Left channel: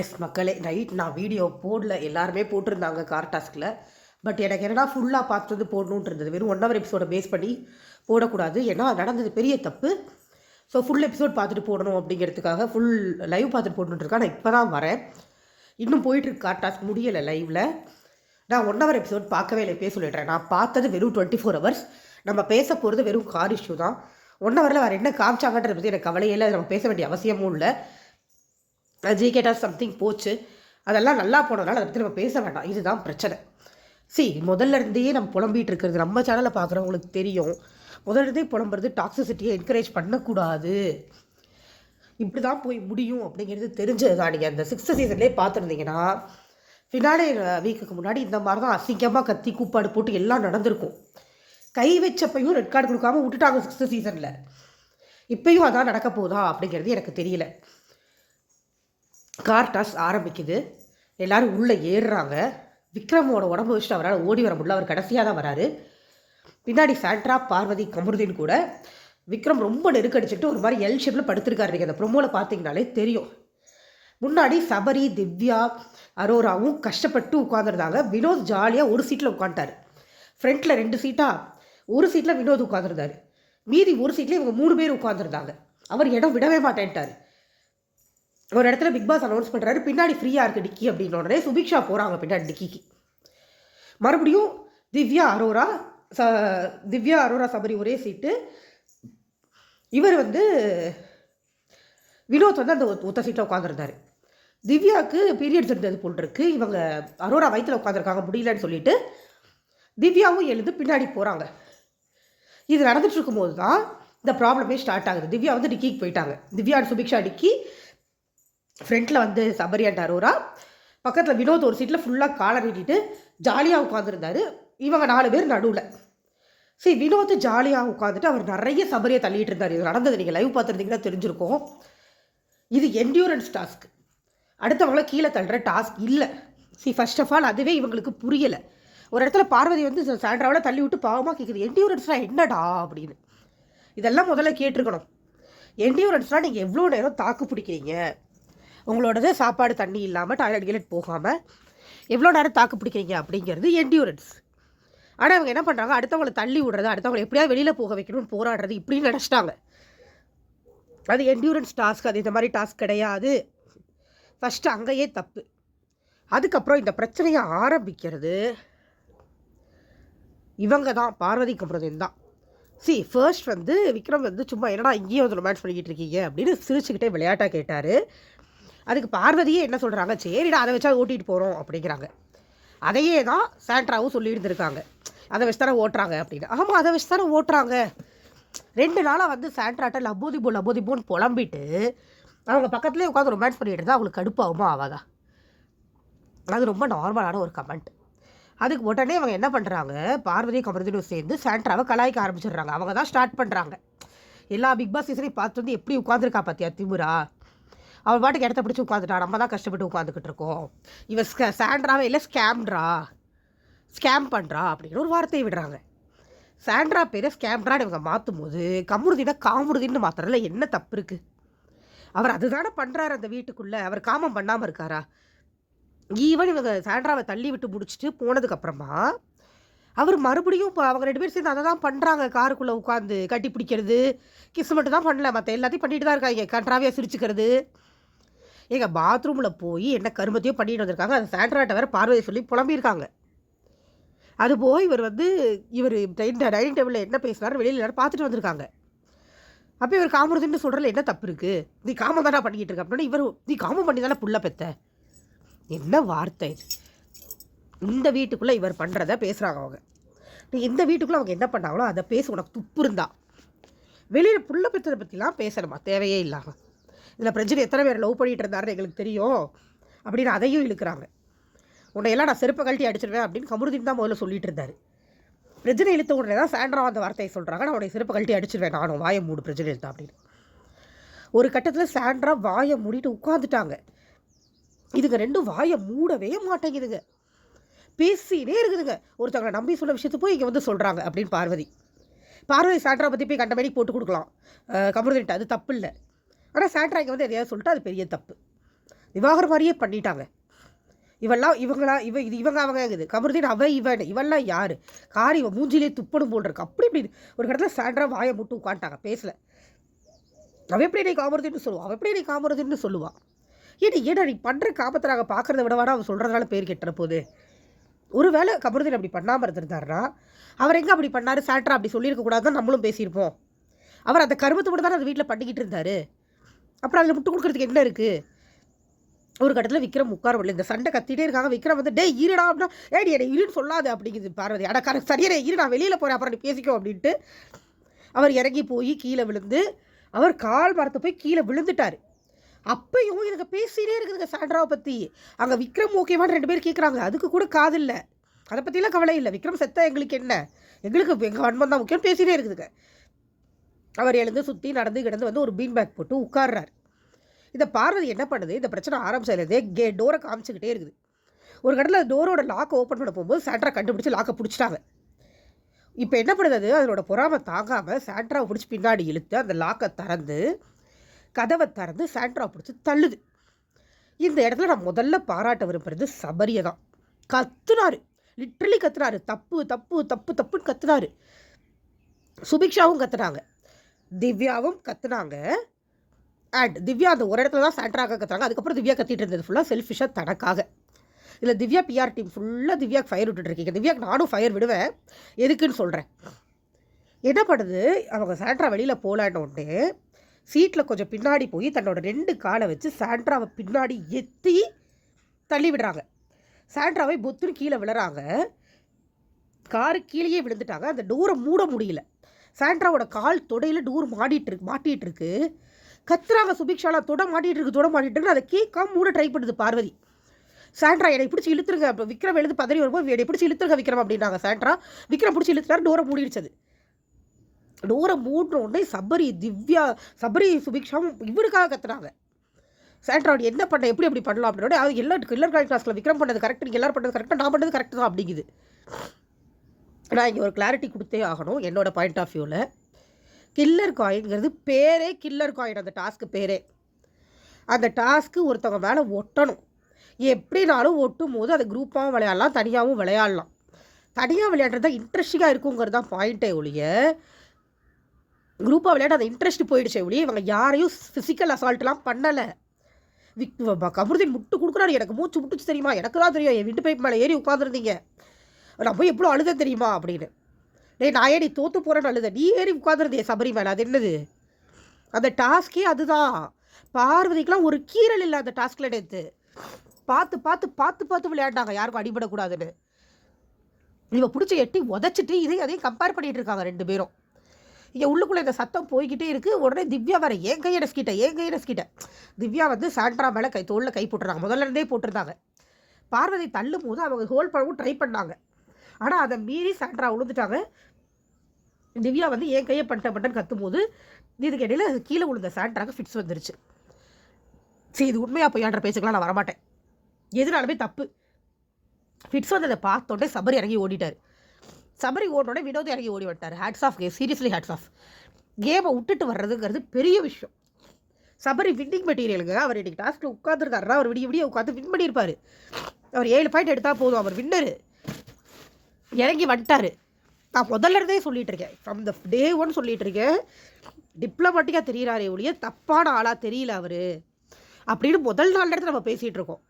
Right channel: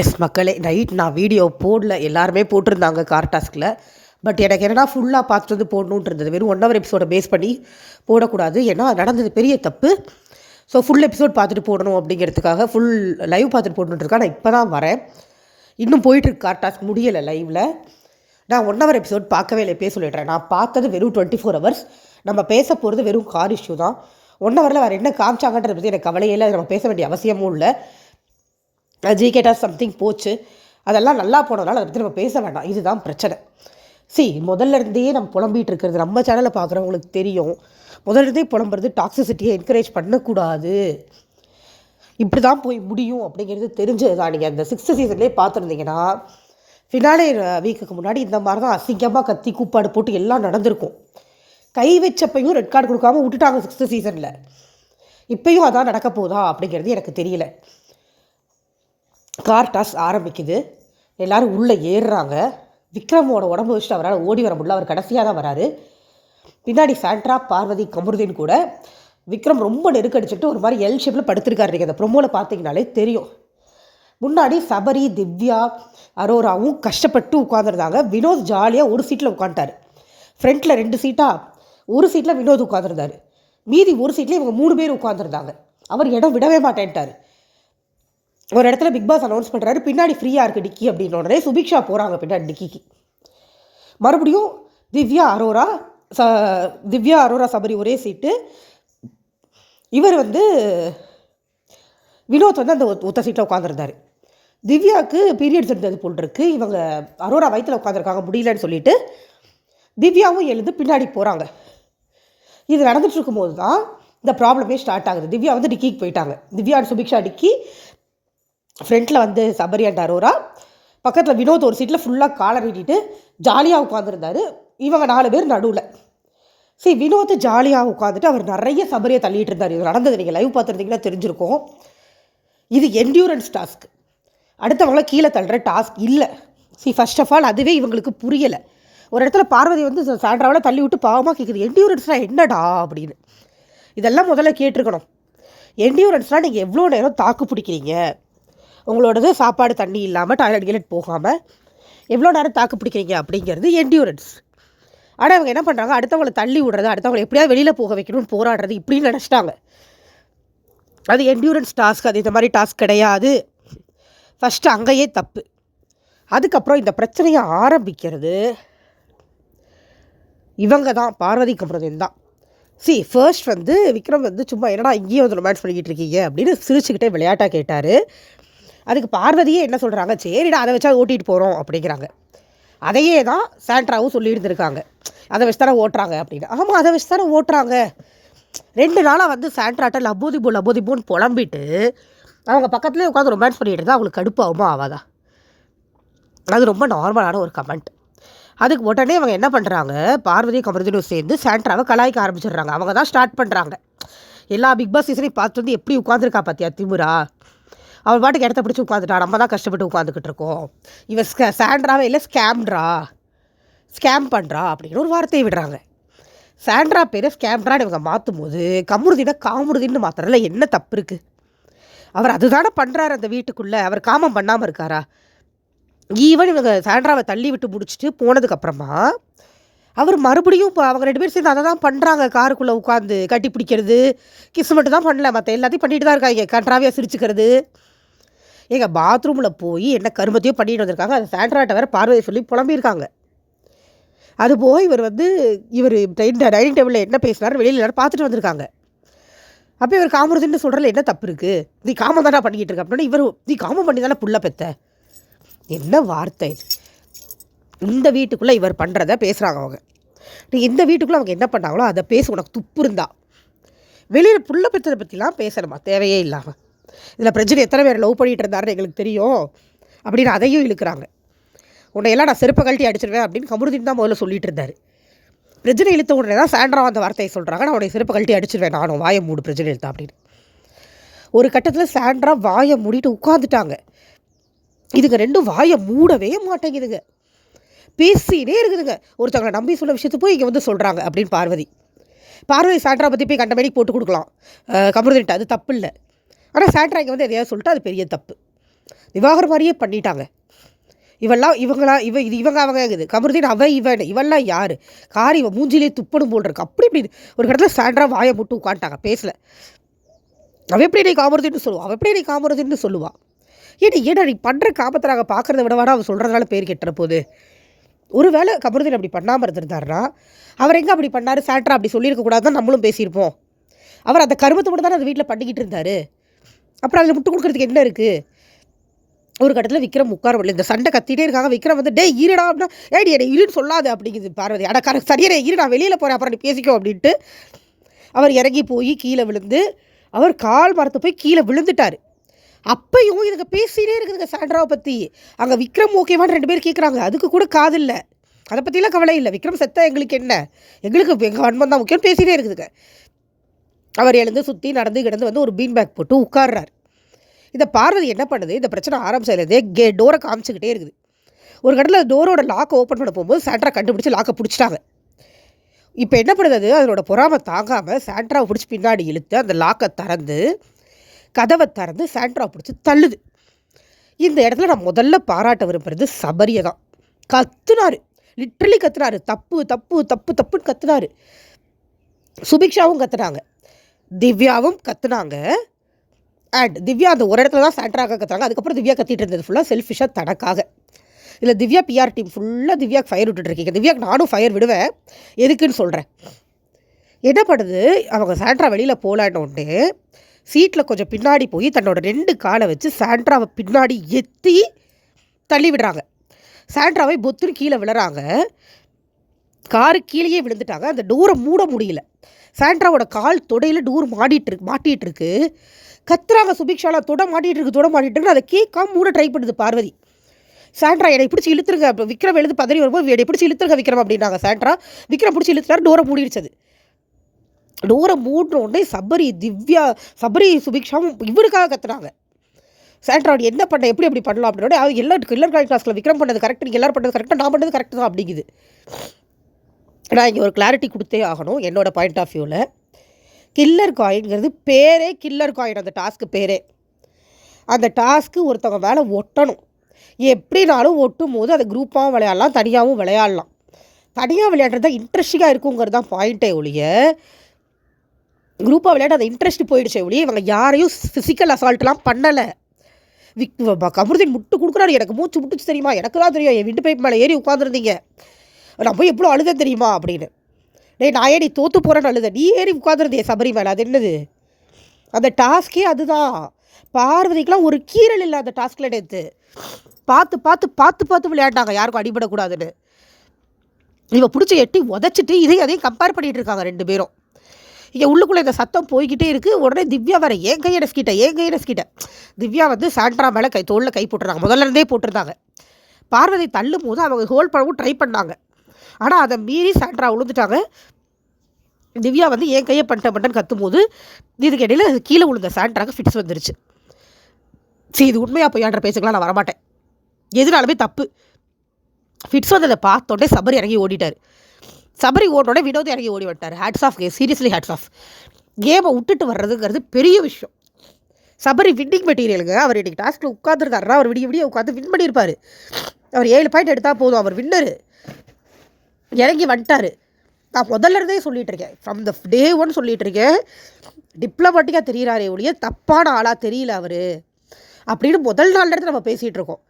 S மக்களே night நான் video போடல. எல்லாருமே போட்டிருந்தாங்க கார் டாஸ்கில் பட் எனக்கு என்னன்னா ஃபுல்லாக பார்த்துட்டு வந்து போடணுன்ட்டு இருந்தது வெறும் ஒன் ஹவர் எபிசோடை பேஸ் பண்ணி போடக்கூடாது. ஏன்னா அது நடந்தது பெரிய தப்பு. ஸோ ஃபுல் எபிசோட் பார்த்துட்டு போடணும் அப்படிங்கிறதுக்காக ஃபுல் லைவ் பார்த்துட்டு போடணுன்றதுக்காக நான் இப்போ தான் வரேன். இன்னும் போயிட்டுருக்கு கார் டாஸ்க் முடியலை லைவில் நான் ஒன் ஹவர் எபிசோட் பார்க்கவே இல்லை பேச சொல்லிடுறேன். நான் பார்த்தது வெறும் டுவெண்ட்டி ஃபோர் ஹவர்ஸ் நம்ம பேச போகிறது வெறும் கார் இஷ்யூ தான். ஒன் ஹவரில் வேறு என்ன காமிச்சாங்கன்றத பற்றி எனக்கு கவலையே இல்லை. நம்ம பேச வேண்டிய அவசியமும் இல்லை. ஜிகேட்டாக சம்திங் போச்சு. அதெல்லாம் நல்லா போனதுனால அதை பற்றி நம்ம பேச வேண்டாம். இதுதான் பிரச்சனை. சி முதல்ல இருந்தே நம்ம புலம்பிகிட்டு இருக்கிறது நம்ம சேனலை பார்க்குறவங்களுக்கு தெரியும். முதல்ல இருந்தே புலம்புறது டாக்ஸிசிட்டியை என்கரேஜ் பண்ணக்கூடாது. இப்படி தான் போய் முடியும் அப்படிங்கிறது தெரிஞ்சது தான் நீங்கள் அந்த சிக்ஸ்த்து சீசன்லேயே பார்த்துருந்தீங்கன்னா ஃபினாலே வீக்குக்கு முன்னாடி இந்த மாதிரி தான் அசிங்கமாக கத்தி கூப்பாடு போட்டு எல்லாம் நடந்திருக்கும். கை வச்சப்பையும் ரெட் கார்டு கொடுக்காம விட்டுட்டாங்க சிக்ஸ்த்து சீசனில் இப்பயும் அதான் நடக்க போதா அப்படிங்கிறது எனக்கு தெரியல. கார் டாஸ் ஆரம்பிக்குது. எல்லோரும் உள்ளே ஏறுறாங்க. விக்ரமோட உடம்பு வச்சுட்டு அவரால் ஓடி வர முடியல. அவர் கடைசியாக தான் வராரு. பின்னாடி சாண்ட்ரா பார்வதி கமருதீன் கூட விக்ரம் ரொம்ப நெருக்கடிச்சுட்டு ஒரு மாதிரி எல் ஷேப்பில் படுத்திருக்காரு. நீங்கள் அந்த ப்ரொமோவில் பார்த்தீங்கனாலே தெரியும். முன்னாடி சபரி திவ்யா அரோராவும் கஷ்டப்பட்டு உட்காந்துருந்தாங்க வினோத் ஜாலியாக ஒரு சீட்டில் உட்காந்துட்டார் ஃப்ரண்ட்டில் ரெண்டு சீட்டாக ஒரு சீட்டில் வினோத் உட்காந்துருந்தார் மீதி ஒரு சீட்டில் இவங்க மூணு பேர் உட்காந்துருந்தாங்க அவர் இடம் விடவே மாட்டேன்ட்டார். ஒரு இடத்துல பிக் பாஸ் அனௌன்ஸ் பண்ணுறாரு பின்னாடி ஃப்ரீயாக இருக்குது டிக்கி அப்படின்னு உடனே சுபிக்ஷா போகிறாங்க பின்னாடி டிக்கிக்கு. மறுபடியும் திவ்யா அரோரா ச திவ்யா அரோரா சபரி ஒரே சீட்டு இவர் வந்து வினோத் வந்து அந்த ஒத்த சீட்டில் உட்காந்துருந்தார் திவ்யாவுக்கு பீரியட்ஸ் இருந்தது போல் இருக்கு. இவங்க அரோரா வயிற்றில் உட்காந்துருக்காங்க முடியலன்னு சொல்லிட்டு திவ்யாவும் எழுந்து பின்னாடி போகிறாங்க இது நடந்துட்டு இருக்கும்போது தான் இந்த ப்ராப்ளமே ஸ்டார்ட் ஆகுது. திவ்யா வந்து டிக்கிக்கு போயிட்டாங்க. திவ்யா and சுபிக்ஷா டிக்கி ஃப்ரண்ட்டில் வந்து சபரி அண்ட் அரோரா. பக்கத்தில் வினோத் ஒரு சீட்டில் ஃபுல்லாக காலர் நீட்டிட்டு ஜாலியாக உட்காந்துருந்தாரு இவங்க நாலு பேர் நடுவில். சரி வினோத் ஜாலியாக உட்காந்துட்டு அவர் நிறைய சபரியை தள்ளிட்டு இருந்தார். இது நடந்தது நீங்கள் லைவ் பார்த்துருந்தீங்கன்னா தெரிஞ்சிருக்கும். இது என்டியூரன்ஸ் டாஸ்க் அடுத்தவங்கள கீழே தள்ளுற டாஸ்க் இல்லை. சி ஃபர்ஸ்ட் ஆஃப் ஆல் அதுவே இவங்களுக்கு புரியலை. ஒரு இடத்துல பார்வதி வந்து சாண்ட்ராவில் தள்ளி விட்டு பாவமாக கேட்குது என்டியூரன்ஸ்னால் என்னடா? அப்படின்னு. இதெல்லாம் முதல்ல கேட்டிருக்கணும். என்டியூரன்ஸ்னால் நீங்கள் எவ்வளோ நேரம் தாக்கு பிடிக்கிறீங்க? உங்களோடது சாப்பாடு தண்ணி இல்லாமல் டாய்லெட் கீலெட் போகாமல் எவ்வளோ நேரம் தாக்கு பிடிக்கிறீங்க அப்படிங்கிறது என்டியூரன்ஸ் ஆனால் அவங்க என்ன பண்ணுறாங்க அடுத்தவங்களை தள்ளி விடுறது அடுத்தவங்களை எப்படியாவது வெளியில் போக வைக்கணும்னு போராடுறது இப்படின்னு நினச்சிட்டாங்க. அது என்டியூரன்ஸ் டாஸ்க் அது இந்த மாதிரி டாஸ்க் கிடையாது. ஃபஸ்ட்டு அங்கேயே தப்பு. அதுக்கப்புறம் இந்த பிரச்சனையை ஆரம்பிக்கிறது இவங்க தான் பார்வதி கம்பரதன் தான். சி ஃபர்ஸ்ட் வந்து விக்ரம் வந்து சும்மா என்னடா இங்கேயும் வந்து ரொமான்ஸ் பண்ணிக்கிட்டு இருக்கீங்க அப்படின்னு சிரிச்சுக்கிட்டே விளையாட்டாக கேட்டார். அதுக்கு பார்வதியே என்ன சொல்கிறாங்க சரிடா அதை வச்சா ஓட்டிகிட்டு போகிறோம் அப்படிங்கிறாங்க. அதையே தான் சாண்ட்ராவும் சொல்லி இருந்திருக்காங்க. அதை வச்சு தானே ஓட்டுறாங்க அப்படின்னு. ஆமாம் அதை வச்சு தானே ஓட்டுறாங்க. ரெண்டு நாளாக வந்து சாண்ட்ராட்ட லப்போதிபோ லப்போதிபோன்னு புலம்பிட்டு அவங்க பக்கத்துலேயே உட்காந்து ரொமான்ஸ் பண்ணிட்டு இருந்தால் அவங்களுக்கு கடுப்பாகுமா ஆகாதா? அது ரொம்ப நார்மலான ஒரு கமெண்ட் அதுக்கு உடனே அவங்க என்ன பண்ணுறாங்க பார்வதி கமருதனும் சேர்ந்து சாண்ட்ராவை கலாய்க்க ஆரம்பிச்சிடுறாங்க. அவங்க தான் ஸ்டார்ட் பண்ணுறாங்க எல்லா பிக் பாஸ் சீசனையும் பார்த்து வந்து எப்படி உட்காந்துருக்கா பார்த்தியா திமுரா? அவள் பாட்டுக்கு இடத்த பிடிச்சி உட்காந்துட்டா. நம்ம தான் கஷ்டப்பட்டு உட்காந்துக்கிட்டு இருக்கோம். இவன் ஸ்கே சாண்ட்ராவே இல்லை ஸ்கேம்ட்ரா ஸ்கேம் பண்ணுறா அப்படின்னு ஒரு வார்த்தையை விடுறாங்க. சாண்ட்ரா பேரை ஸ்கேம்ட்ரான்னு இவங்க மாற்றும் போது கமுருதினா காமுருதின்னு மாத்திரல என்ன தப்பு இருக்குது அவர் அதுதானே பண்ணுறாரு அந்த வீட்டுக்குள்ளே. அவர் காமம் பண்ணாமல் இருக்காரா? ஈவன் இவங்க சாண்ட்ராவை தள்ளி விட்டு முடிச்சுட்டு போனதுக்கப்புறமா அவர் மறுபடியும் இப்போ அவங்க ரெண்டு பேரும் சேர்ந்து அதை தான் பண்ணுறாங்க காருக்குள்ளே உட்காந்து கட்டி பிடிக்கிறது கிஸ் மட்டும் தான் பண்ணல. மற்ற எல்லாத்தையும் பண்ணிட்டு தான் இருக்காங்க. கன்றாவியாக சிரிச்சுக்கிறது. எங்கள் பாத்ரூமில் போய் என்ன கருமத்தையும் பண்ணிட்டு வந்திருக்காங்க. அந்த சாண்ட்ராட்டை வேறு பார்வையை சொல்லி புலம்பியிருக்காங்க. அது போக இவர் வந்து இவர் டைனிங் டேபிளில் என்ன பேசினார் வெளியில் எல்லாரும் பார்த்துட்டு வந்திருக்காங்க. அப்போ இவர் காமருதுன்னு சொல்கிறதுல என்ன தப்பு இருக்குது நீ காமம் தானே பண்ணிக்கிட்டு இருக்க. அப்படின்னா இவர் நீ காமம் பண்ணி தானே புள்ள பெத்த. என்ன வார்த்தை? இந்த வீட்டுக்குள்ளே இவர் பண்ணுறத பேசுகிறாங்க அவங்க. நீ இந்த வீட்டுக்குள்ளே அவங்க என்ன பண்ணாங்களோ அதை பேச உனக்கு துப்பு இருந்தா. வெளியில் புள்ள பெற்றதை பற்றிலாம் பேசணுமா? தேவையே இல்லாமல் இதில் பிரச்சனை எத்தனை பேர் லவ் பண்ணிகிட்டு இருந்தாருன்னு எங்களுக்கு தெரியும் அப்படின்னு அதையும் இழுக்கிறாங்க. உன்னையெல்லாம் நான் செருப்பை கழட்டி அடிச்சிருவேன் அப்படின்னு கமருதீன் தான் முதல்ல சொல்லிட்டு இருந்தார். பிரஜனை இழுத்த உடனே தான் சாண்ட்ரா அந்த வார்த்தையை சொல்கிறாங்க நான் உடைய செருப்பை கழட்டி அடிச்சிருவேன் நானும் வாயை மூடு பிரச்சனை இழுத்தா அப்படின்னு. ஒரு கட்டத்தில் சாண்ட்ரா வாயை மூடிட்டு உட்காந்துட்டாங்க இதுங்க ரெண்டும் வாயை மூடவே மாட்டேங்குதுங்க. பேசினே இருக்குதுங்க. ஒருத்தவங்களை நம்பி சொல்ல விஷயத்து போய் இங்கே வந்து சொல்கிறாங்க அப்படின்னு பார்வதி. பார்வதி சாண்ட்ரா பற்றி போய் கண்டமேனிக்கு போட்டு கொடுக்கலாம். கமருதின்ட்டு அது தப்பு இல்லை. ஆனால் சாண்ட்ரா இங்கே வந்து எதையாவது சொல்லிட்டு அது பெரிய தப்பு. விவாகர மாதிரியே பண்ணிட்டாங்க. இவெல்லாம் இவங்களாம் இவ இது இவங்க அவங்க இது கமருதீன் அவன் இவன் இவெல்லாம் யார்? காரி இவன் மூஞ்சிலே துப்பணும் போல் இருக்கு. அப்படி இப்படி ஒரு இடத்துல சாண்ட்ரா வாயை முட்டு உட்காந்துட்டாங்க பேசல. அவ எப்படி நீ காமருதின்னு சொல்லுவான் அவ எப்படி நீ காமருதின்னு சொல்லுவான் ஏடி ஏடா நீ பண்ணுற காமத்தை நாங்கள் பார்க்குறத விடவாடா அவன் சொல்கிறதுனால பேர் கெட்டுற போகுது ஒருவேளை கமருதீன் அப்படி பண்ணாமல் இருந்திருந்தாருன்னா அவர் எங்கே அப்படி பண்ணார்? சாண்ட்ரா அப்படி சொல்லியிருக்க தான் நம்மளும் பேசியிருப்போம். அவர் அந்த கருமத்தை மட்டும் தானே அந்த வீட்டில் பண்ணிக்கிட்டு இருந்தார்? அப்புறம் அதில் முட்டு கொடுக்குறதுக்கு என்ன இருக்குது ஒரு கட்டத்தில் விக்ரம் உட்கார முடியல இந்த சண்டை கத்திட்டே இருக்காங்க. விக்ரம் வந்து டேய் இருடா அப்படின்னா ஏடி என்னை இருன்னு சொல்லாது அப்படிங்குது பார்வதி. அட கரெக்ட் சரியா இரு நான் வெளியில் போகிறேன் அப்புறம் நீ பேசிக்கோ அப்படின்ட்டு அவர் இறங்கி போய் கீழே விழுந்து அவர் கால் மரத்தை போய் கீழே விழுந்துட்டார். அப்பையும் இதுங்க பேசினே இருக்குதுங்க சாண்ட்ராவை பற்றி அங்கே விக்ரம் ஓகேவான்னு ரெண்டு பேர் கேட்குறாங்க அதுக்கு கூட காது இல்லை. அதை பற்றிலாம் கவலை இல்லை. விக்ரம் செத்த எங்களுக்கு என்ன? எங்களுக்கு எங்கள் வன்மம் தான் முக்கியம் பேசினே இருக்குதுங்க. அவர் எழுந்து சுற்றி நடந்து கிடந்து வந்து ஒரு பீன் பேக் போட்டு உட்கார்றார். இதை பார்வதி என்ன பண்ணுது? இந்த பிரச்சனை ஆரம்பிச்சதுலேருந்தே கே டோரை காமிச்சிக்கிட்டே இருக்குது. ஒரு கடலில் டோரோட லாக்கை ஓப்பன் பண்ண போகும்போது சாண்ட்ரா கண்டுபிடிச்சி லாக்கை பிடிச்சிட்டாங்க. இப்போ என்ன பண்ணுது அது? அதனோட பொறாமை தாங்காமல் சாண்ட்ராவை பிடிச்சி பின்னாடி இழுத்து அந்த லாக்கை திறந்து கதவை திறந்து சாண்ட்ராவை பிடிச்சி தள்ளுது. இந்த இடத்துல நான் முதல்ல பாராட்ட விரும்புறது சபரியை தான். கத்துனாரு. லிட்ரலி கத்துனாரு. தப்பு தப்பு தப்பு தப்புன்னு கத்துனாரு. சுபிக்ஷாவும் கத்துனாங்க. திவ்யாவும் கத்துனாங்க. அண்ட் திவ்யா அந்த ஒரு இடத்துல தான் சாண்ட்ராக கத்துறாங்க. அதுக்கப்புறம் திவ்யா கத்திட்டு இருந்தது ஃபுல்லாக செல்ஃபிஷாக தனக்காக. இதில் திவ்யா பிஆர் டீம் ஃபுல்லாக திவ்யாக்கு ஃபயர் விட்டுட்ருக்கீங்க திவ்யாக்கு நானும் ஃபயர் விடுவேன். எதுக்குன்னு சொல்கிறேன் என்ன பண்ணுது? அவங்க சாண்ட்ரா வெளியில் போகலான்னு சீட்டில் கொஞ்சம் பின்னாடி போய் தன்னோட ரெண்டு காலை வச்சு சாண்ட்ராவை பின்னாடி எத்தி தள்ளி விடுறாங்க. சாண்ட்ராவை பொத்துன்னு கீழே விழுறாங்க. காரு கீழேயே விழுந்துட்டாங்க. அந்த டோரை மூட முடியல. சாண்ட்ராவோட கால் தொடையில் டூர் மாட்டிட்டு இருக்கு மாட்டிகிட்டு இருக்கு. கத்துறாங்க சுபிக்ஷாலா தொட மாட்டிகிட்டு இருக்கு தொட மாட்டிகிட்டு இருக்கு. அதை கேட்காம மூட ட்ரை பண்ணுது பார்வதி. சாண்ட்ரா என்னை பிடிச்சி இழுத்துருங்க. அப்போ விக்ரம் எழுது பதறி வரும்போது என்னை பிடிச்சி இழுத்துருங்க விக்ரம் அப்படின்னாங்க சாண்ட்ரா. விக்ரம் பிடிச்சி இழுத்துறாரு டோரை மூடிடுச்சது. டோரை மூடுற உடனே சபரி திவ்யா சபரி சுபிக்ஷாவும் இவருக்காக கத்துறாங்க சாண்ட்ரா என்ன பண்ண எப்படி எப்படி பண்ணலாம் அப்படின்னா அவங்க எல்லா கில்லர் கால் கிளாஸில் விக்ரம் பண்ணது கரெக்ட் நீங்கள் எல்லாரும் பண்ணது கரெக்டாக நான் பண்ணது கரெக்ட் தான் அப்படிங்குது. நான் இங்கே ஒரு கிளாரிட்டி கொடுத்தே ஆகணும் என்னோடய பாயிண்ட் ஆஃப் வியூவில் கில்லர் காயின்ங்கிறது பேரே கில்லர் காயின் அந்த டாஸ்க்கு பேரே. அந்த டாஸ்க்கு ஒருத்தவங்க மேலே ஒட்டணும். எப்படினாலும் ஒட்டும் போது அதை குரூப்பாகவும் விளையாடலாம் தனியாகவும் விளையாடலாம். தனியாக விளையாடுறது தான் இன்ட்ரெஸ்டிங்காக இருக்குங்கிறது தான் பாயிண்ட்டே ஒழிய குரூப்பாக விளையாட அந்த இன்ட்ரெஸ்ட் போயிடுச்சே ஒழிய இவங்க யாரையும் ஃபிசிக்கல் அசால்ட்லாம் பண்ணலை. விக் கமருதீன் முட்டு கொடுக்குறாரு. எனக்கு மூச்சு முட்டுச்சு தெரியுமா? எனக்கு தான் தெரியும். என் வீட்டு பைப் மேலே ஏறி உட்காந்துருந்தீங்க நான் போய் எவ்வளோ அழுத தெரியுமா அப்படின்னு. டேய் நான் ஏடி தோற்று போகிறேன்னு அழுத? நீ ஏறி உட்காந்துருந்தே சபரிமலை அது என்னது? அந்த டாஸ்கே அதுதான். பார்வதிக்கெலாம் ஒரு கீரல் இல்லை அந்த டாஸ்கில் நேற்று பார்த்து பார்த்து பார்த்து பார்த்து விளையாண்டாங்க. யாருக்கும் அடிபடக்கூடாதுன்னு. இவன் பிடிச்ச எட்டி உதச்சிட்டு இதையும் அதையும் கம்பேர் பண்ணிகிட்டு இருக்காங்க ரெண்டு பேரும். இங்கே உள்ளுக்குள்ளே இந்த சத்தம் போய்கிட்டே இருக்குது உடனே திவ்யா வர ஏன் கையை நெஸ்கிட்ட ஏன் கையை நெஸ்கிட்ட திவ்யா வந்து சாண்ட்ரா மேலே கை தோளில் கை போட்டுருந்தாங்க. முதல்ல இருந்தே போட்டிருந்தாங்க. பார்வதி தள்ளும் போது அவங்க ஹோல்ட் பண்ணவும் ட்ரை பண்ணாங்க. ஆனால் அதை மீறி சாண்ட்ரா விழுந்துட்டாங்க திவ்யா வந்து என் கையை பண்ணிட்ட பண்ணிட்டேன்னு கத்தும் போது இதுக்கு கீழே விழுந்த சாண்ட்ராக்கு ஃபிட்ஸ் வந்துருச்சு. சரி இது உண்மையாக பொய்யான்ற பேசுக்கலாம் நான் வரமாட்டேன். எதுனாலுமே தப்பு. ஃபிட்ஸ் வந்ததை பார்த்தோன்னே சபரி இறங்கி ஓடிட்டார். சபரி ஓடனோடனே வினோத் இறங்கி ஓடி விட்டார் hats off game seriously hats off கேமை விட்டுட்டு வர்றதுங்கிறது பெரிய விஷயம். சபரி வின்னிங் மெட்டீரியலுங்க அவர் இன்றைக்கி டாஸ்கில் உட்காந்துருக்காருன்னா அவர் விடிய விடிய உட்காந்து வின் பண்ணியிருப்பார். அவர் ஏழு பாயிண்ட் எடுத்தால் போதும். அவர் வின்னரு இறங்கி வந்துட்டார். நான் முதல்ல இருந்தே சொல்லிகிட்டு இருக்கேன். ஃப்ரம் த டே ஒன் சொல்லிகிட்டு இருக்கேன். டிப்ளமேட்டிக்காக தெரிகிறாரே ஒழிய தப்பான ஆளாக தெரியல அவர். அப்படின்னு முதல் நாள் இடத்துல நம்ம பேசிகிட்டு இருக்கோம்.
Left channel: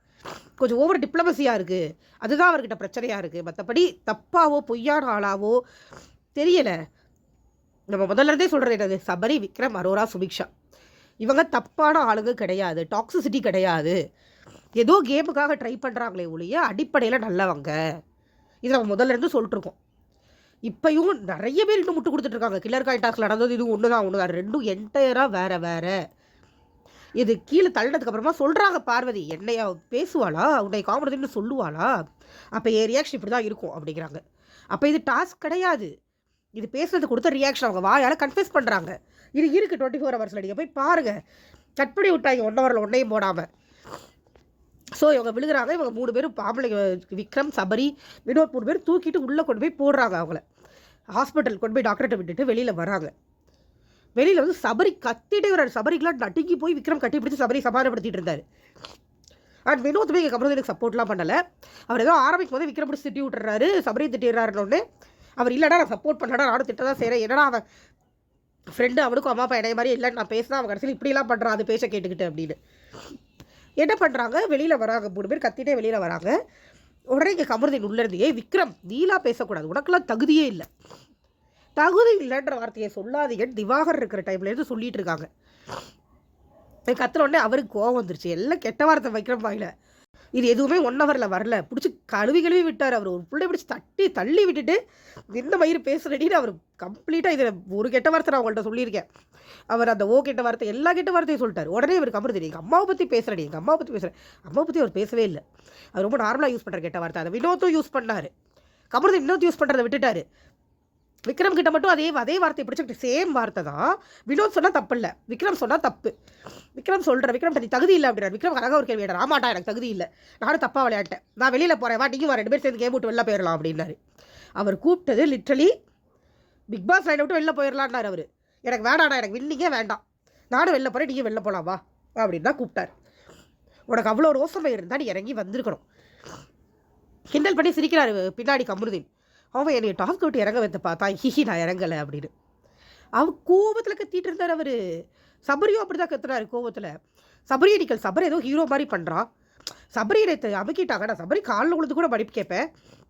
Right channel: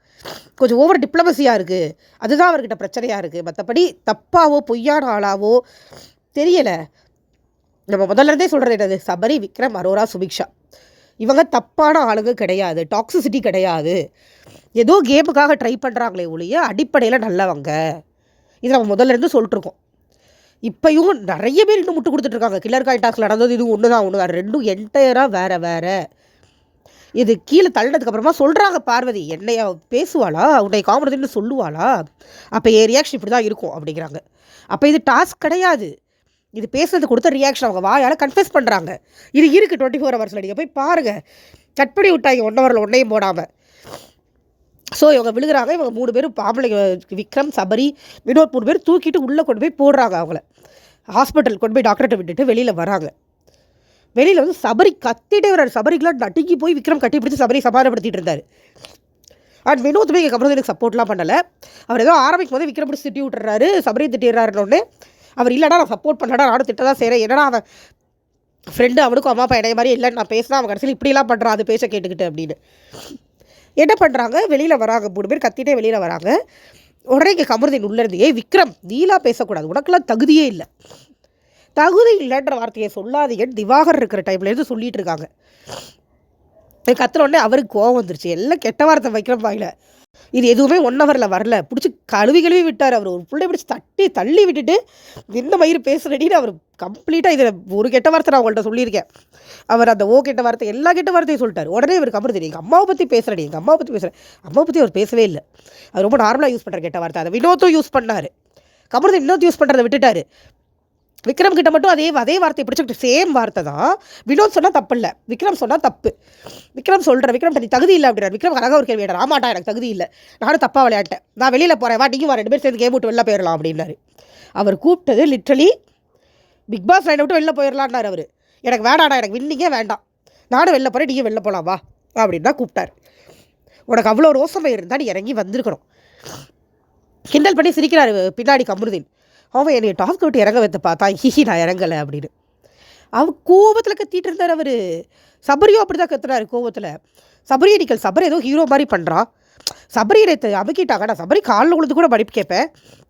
கொஞ்சம் ஓவர் டிப்ளமசியாக இருக்குது அதுதான் அவர்கிட்ட பிரச்சனையாக இருக்குது மற்றபடி தப்பாவோ பொய்யான ஆளாவோ தெரியலை. நம்ம முதல்ல இருந்தே சொல்கிறது என்னது? சபரி விக்ரம் அரோரா சுபிக்ஷா இவங்க தப்பான ஆளுங்க கிடையாது. டாக்ஸிசிட்டி கிடையாது. ஏதோ கேமுக்காக ட்ரை பண்ணுறாங்களே ஒழிய அடிப்படையில் நல்லவங்க. இது நம்ம முதல்ல இருந்து சொல்லிட்டுருக்கோம் இப்போயும் நிறைய பேர் இன்னும் முட்டு கொடுத்துட்ருக்காங்க கில்லர் காயின் டாஸ்க் நடந்தது இது ஒன்று தான் ஒன்று தான் ரெண்டும் என்டையராக வேறு வேறு. இது கீழே தள்ளினதுக்கு அப்புறமா சொல்கிறாங்க பார்வதி. என்னைய பேசுவாளா? உன்னை காமெடின்னு சொல்லுவாளா? அப்போ என் ரியாக்ஷன் இப்படி தான் இருக்கும் அப்படிங்கிறாங்க. அப்போ இது டாஸ்க் கிடையாது. இது பேசுறது கொடுத்த ரியாக்ஷன் அவங்க வாயால் கன்ஃபெஸ் பண்ணுறாங்க இது இருக்குது டுவெண்ட்டி ஃபோர் ஹவர்ஸில் நீங்கள் போய் பாருங்கள் கட் பண்ணி விட்டாங்க. ஒன் ஹவரில் ஒன்றையும் போடாமல் ஸோ இவங்க விழுகிறாங்க. இவங்க மூணு பேரும் பாம்பளைங்க விக்ரம் சபரி வினோத் மூணு பேர் தூக்கிட்டு உள்ளே கொண்டு போய் போடுறாங்க அவங்கள. ஹாஸ்பிட்டல் கொண்டு போய் டாக்டர்கிட்ட விட்டுட்டு வெளியில் வராங்க. வெளியில் வந்து சபரி கத்திட்டே வர்றாரு சபரிக்கெலாம் நடுங்கி போய் விக்ரம் கட்டி பிடிச்சி சபரி சமாதானப்படுத்திட்டு இருந்தார். அண்ட் வினோத்துமே இங்கே எனக்கு சப்போர்ட்லாம் பண்ணலை. அவர் ஏதோ ஆரம்பிக்கும் போது விக்ரம் பிடிச்சி திட்டி விட்டுறாரு. சபரியை திட்டிடுறாருன்னு அவர் இல்லைடா நான் சப்போர்ட் பண்ணலடா நானும் திட்ட தான் செய்கிறேன் என்னடா அவன் ஃப்ரெண்டு அவனுக்கும் அம்மா அப்பா இடைய மாதிரி இல்லைன்னு நான் பேசினா அவன் கடைசியில் இப்படிலாம் பண்ணுறான் அது பேச கேட்டுக்கிட்டு அப்படின்னு. என்ன பண்ணுறாங்க வெளியில் வராங்க. மூணு பேர் கத்திட்டே வெளியில் வராங்க. உடனே இங்கே கமருதீன் உள்ளேருந்து ஏய் விக்ரம் நீலாக பேசக்கூடாது. உனக்கெல்லாம் தகுதியே இல்லை. தகுதி இல்லைன்ற வார்த்தையை சொல்லாதீங்கன்னு திவாகர் இருக்கிற டைம்லேருந்து சொல்லிகிட்டு இருக்காங்க. கத்துன உடனே அவருக்கு கோவம் வந்துருச்சு. எல்லாம் கெட்ட வார்த்தை வைக்கிற வாயில இது எதுவுமே ஒன் ஹவரில் வரல. பிடிச்சி கழுவி கழுவி விட்டார் அவர். ஒரு பிள்ளை பிடிச்சி தட்டி தள்ளி விட்டுட்டு இந்த மயிறு பேசுறடின்னு அவர் கம்ப்ளீட்டாக இதில் ஒரு கெட்ட வார்த்தை நான் உங்கள்கிட்ட சொல்லியிருக்கேன். அவர் அந்த ஓ கெட்ட வார்த்தை எல்லா கெட்ட வார்த்தையும் சொல்லிட்டார். உடனே இவருக்கு அப்புறம் தெரியும். எங்கள் அம்மாவை பற்றி பேசுகிறேன் எங்கள் அம்மாவை பற்றி பேசுகிறேன் அம்மாவை பற்றி அவர் பேசவே இல்லை. அவர் ரொம்ப நார்மலாக யூஸ் பண்ணுற கெட்ட வார்த்தை. அதை வினோத்தும் யூஸ் பண்ணார். கமருதீன் இன்னொரு யூஸ் பண்ணுறதை விட்டுட்டார். விக்ரம் கிட்ட மட்டும் அதே அதே வார்த்தையை பிடிச்சிக்கிட்டு சேம் வார்த்தை தான். வினோத் சொன்னால் தப்பு இல்லை விக்ரம் சொன்னால் தப்பு. விக்ரம் சொல்கிற விக்ரம் நீ தகுதி இல்லை அப்படின்னா விக்ரம் அழகாக ஒரு கேள்வி கேட்டார். ஆமாட்டா எனக்கு தகுதி இல்லை. நானும் தப்பாக விளையாட்டேன் நான் வெளியில் போகிறேன் வா நீங்கள் வா. ரெண்டு பேர் சேர்ந்து கேம் விட்டு வெளில போயிடலாம் அப்படின்னாரு அவர் கூப்பிட்டது லிட்ரலி பிக் பாஸ் லைனை விட்டு வெளில போயிடலான்னார் அவர். எனக்கு வேண்டாடா எனக்கு வின்னிங்கே வேண்டாம். நானும் வெளில போகிறேன் நீங்கள் வெளில போகலாம் வா. அப்படின்னு தான் கூப்பிட்டார். உனக்கு அவ்வளோ ரோசமை இருந்தால் நீ இறங்கி வந்திருக்கணும். கிண்டல் பண்ணி சிரிக்கிறாரு பின்னாடி கமருதீன். அவன் என்னை டாப் விட்டு இறங்க வைத்த பார்த்தா ஹிஹி நான் இறங்கலை அப்படின்னு. அவன் கோவத்தில் கத்திட்டு இருந்தார் அவர். சபரியும் அப்படி தான் கத்துறாரு கோவத்தில். சபரி அடிக்கல் சபரி ஏதோ ஹீரோ மாதிரி பண்ணுறான் சபரி நேற்று அமுக்கிட்டாங்க. நான் சபரி காலில் உழுது கூட படிப்பு கேட்பேன்.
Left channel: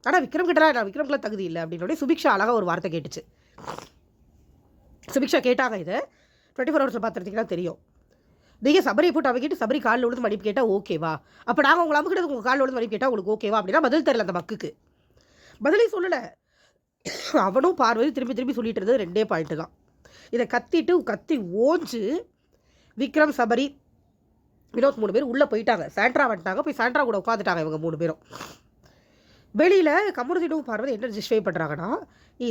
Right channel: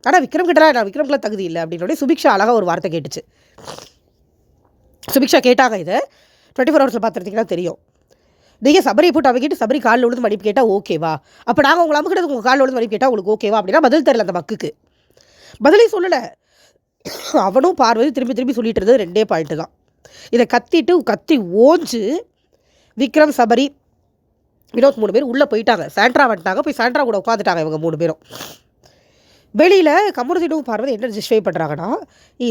ஆனால் விக்ரம் கிட்டலாம் நான் விக்ரம்க்குலாம் தகுதி இல்லை அப்படின்னு சுபிக்ஷா அழகாக ஒரு வார்த்தை கேட்டுச்சு. சுபிக்ஷா கேட்டாங்க இதை. டுவெண்ட்டி ஃபோர் ஹவர்ஸில் பார்த்துருந்தீங்கன்னா தெரியும். நீங்கள் சபரியை போட்டு அமைக்கிட்டு சபரி காலில் விழுந்து மடிப்பு கேட்டால் ஓகேவா அப்போ நாங்கள் உங்களை அமுக்கிட்டு உங்கள் காலில் விழுந்து மடிப்பு கேட்டால் உங்களுக்கு ஓகேவா அப்படின்னா பதில் தெரில அந்த மக்குக்கு. பதிலே சொல்லலை. அவனும் பார்வதி திரும்பி திரும்பி சொல்லிட்டு இருந்தது ரெண்டே பாயிண்ட்டு தான். இதை கத்திட்டு கத்தி ஓஞ்சு விக்ரம் சபரி வினோத் மூணு பேர் உள்ளே போயிட்டாங்க. சாண்ட்ரா வந்துட்டாங்க. போய் சாண்ட்ரா கூட உட்காந்துட்டாங்க இவங்க மூணு பேரும். வெளியில் கமருதீனும் பார்வதி என்ன ஜஸ்டிஃபை பண்ணுறாங்கன்னா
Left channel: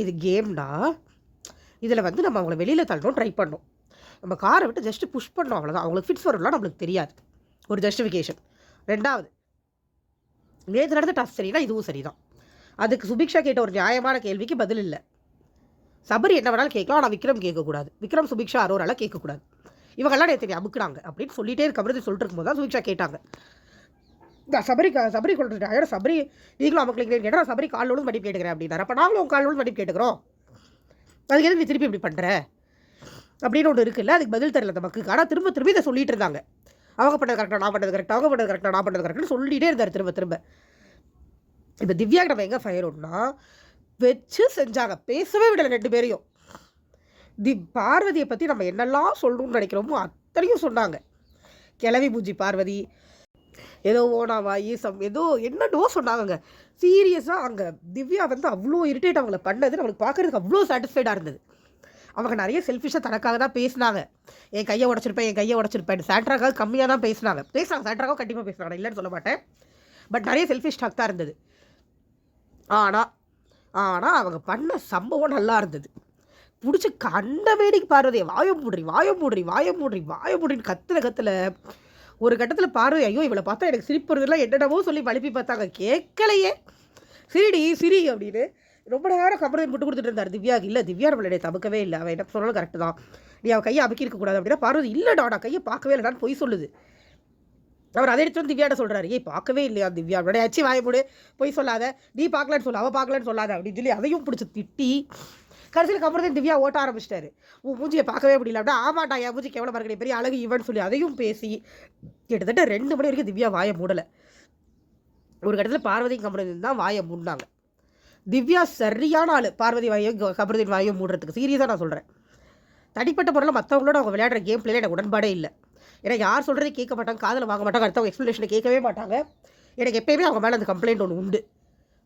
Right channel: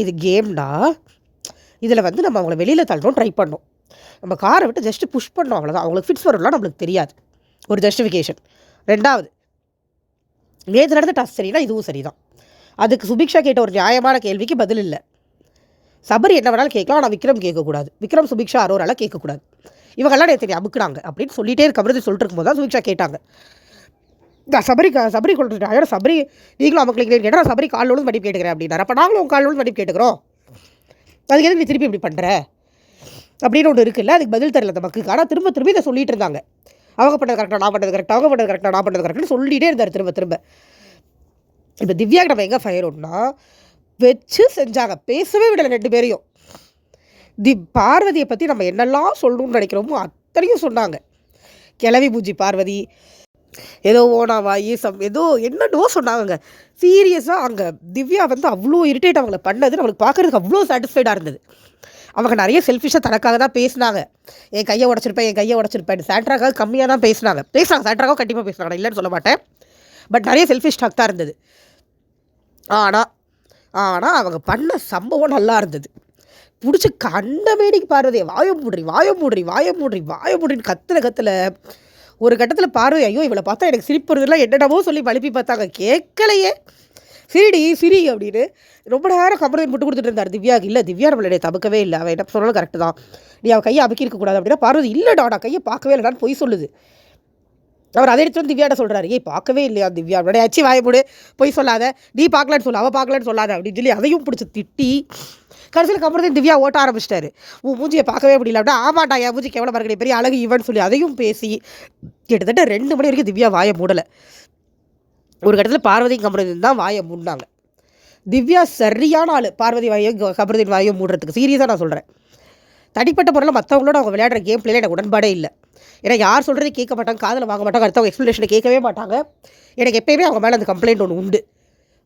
இது கேம்டா இதில் வந்து நம்ம அவங்கள வெளியில் தள்ளுறோம் ட்ரை பண்ணோம். நம்ம காரை விட்டு ஜஸ்ட்டு புஷ் பண்ணோம் அவ்வளோதான் அவங்களுக்கு ஃபிட்ஸ் வரும்லாம் நம்மளுக்கு தெரியாது. ஒரு ஜஸ்டிஃபிகேஷன் ரெண்டாவது நேற்று நடந்த டஸ் சரினா இதுவும் சரி தான் அதுக்கு சுபிக்ஷா கேட்ட ஒரு நியாயமான கேள்விக்கு பதில் இல்லை. சபரி என்ன வேணாலும் கேட்கலாம் ஆனால் விக்ரம் கேட்கக்கூடாது. விக்ரம் சுபிக்ஷா அரோரால கேட்கக்கூடாது. இவங்கெல்லாம் நேற்று அமுக்குறாங்க அப்படின்னு சொல்லிட்டே இருக்க மாதிரி சொல்லிட்டு இருக்கும்போது தான் சுபிக்ஷா கேட்டாங்க. நான் சபரி சபரி கொடுத்துட்டேன் ஐயோ சபரி நீங்களும் அமுக்கலிங்களேன்னு கேட்டால் நான் சபரி கால் விழுந்து மடிப்பு கேட்டுக்கிறேன் அப்படின்னாரு. அப்போ நாங்களும் உங்கள் கால் விழுந்து மடிப்பு கேட்டுக்கிறோம். அதுக்கு எதுக்கு நீ திருப்பி இப்படி பண்ணுற அப்படின்னு ஒன்று இருக்குல்ல அதுக்கு பதில் தெரியல அந்த மக்களுக்கு. ஆனால் திரும்ப திரும்ப இதை சொல்லிட்டு இருந்தாங்க. அவங்க பண்ணது கரெக்டாக நான் பண்ணது கரெக்டாக அவங்க பண்ணது கரெக்டாக நான் பண்ணது கரெக்டாக சொல்லிகிட்டே இருந்தார் திரும்ப திரும்ப. இப்போ திவ்யாக்கு நம்ம எங்கே ஃபயர் ஒன்றா வச்சு செஞ்சாங்க. பேசவே விடலை ரெண்டு பேரையும். தி பார்வதியை பற்றி நம்ம என்னெல்லாம் சொல்லணும்னு நினைக்கிறோமோ அத்தனையும் சொன்னாங்க. கிளவி பூஜி பார்வதி ஏதோ ஓனாவாயி சம் ஏதோ என்னென்னவோ சொன்னாங்க சீரியஸாக அங்கே திவ்யா வந்து அவ்வளோ இரிட்டேட் அவங்கள பண்ணது நம்மளுக்கு பார்க்குறதுக்கு அவ்வளோ சாட்டிஸ்ஃபைடாக இருந்தது. அவங்க நிறைய செல்ஃபிஷாக தனக்காக தான் பேசினாங்க. என் கையை உடச்சிருப்பேன் என் கையை உடச்சிருப்பேன். சாண்ட்ராக்காக கம்மியாக தான் பேசினாங்க பேசுனாங்க சாண்ட்ராக்காக கண்டிப்பாக பேசுகிறாங்க இல்லைன்னு சொல்ல மாட்டேன். பட் நிறைய செல்ஃபிஷ் டாக் தான் இருந்தது. ஆனால் ஆனால் அவங்க பண்ண சம்பவம் நல்லா இருந்தது. பிடிச்சி கண்ண வேடிக்கை பார்வதி வாயம் மூடுறி வாயம் மூடுறி வாயம் மூடுறி வாய மூடுறின்னு கத்துல கத்துல ஒரு கட்டத்தில் பார்வை ஐயோ இவளை பார்த்தா எனக்கு சிரிப்பு வருதுலாம் என்னென்னமோ சொல்லி வலிப்பி பார்த்தாங்க. கேட்கலையே. சிரிடி சிரி அப்படின்னு ரொம்ப நேரம் கமரதை முட்டு கொடுத்துட்டு இருந்தார். திவ்யா இல்லை திவ்யா நம்மளுடைய தமக்கவே இல்லை. அவன் என்ன சொன்னாலும் கரெக்டு தான். நீ அவள் கையை அமுக்கி இருக்கக்கூடாது அப்படின்னா பார்வதி இல்லைடா நான் கையை பார்க்கவே இல்லைடான்னு பொய் சொல்லுது. அவர் அதை எடுத்து வந்து திவ்யாட்ட சொல்கிறாரு ஏய் பார்க்கவே இல்லையா திவ்யா? அப்படியே அச்சு வாய மூடு. பொய் சொல்லாத. நீ பார்க்கலன்னு சொல்ல அவள் பார்க்கலன்னு சொல்லாத. அப்படின்னு சொல்லி அதையும் பிடிச்சி திட்டி கடைசியில் கமரதன் திவ்யா ஓட்ட ஆரம்பிச்சிட்டாரு. உன் மூஞ்சியை பார்க்கவே முடியல. அப்படின்னா ஆமாட்டா என் மூஞ்சி கேவலம் இருக்கிற பெரிய அழகு இவன் சொல்லி அதையும் பேசி கிட்டத்தட்ட ரெண்டு மணி வரைக்கும் திவ்யா வாயை மூடலை. ஒரு கட்டத்தில் பார்வதி கமரதன் தான் வாயை மூடினாங்க. திவ்யா சரியான ஆள். பார்வதி வாயும் கமரதின் வாயும் மூடுறதுக்கு. சீரியஸாக நான் சொல்கிறேன் தனிப்பட்ட முறையில் மற்றவங்களோட அவங்க விளையாடுற கேம் பிளேல எனக்கு உடன்பாடே இல்லை. ஏன்னா யார் சொல்கிறது கேட்க மாட்டாங்க காதில் வாங்க மாட்டாங்க அடுத்தவங்க எக்ஸ்ப்ளனேஷனை கேட்கவே மாட்டாங்க. எனக்கு எப்பயுமே அவங்க மேலே அந்த கம்ப்ளைண்ட் ஒன்று உண்டு.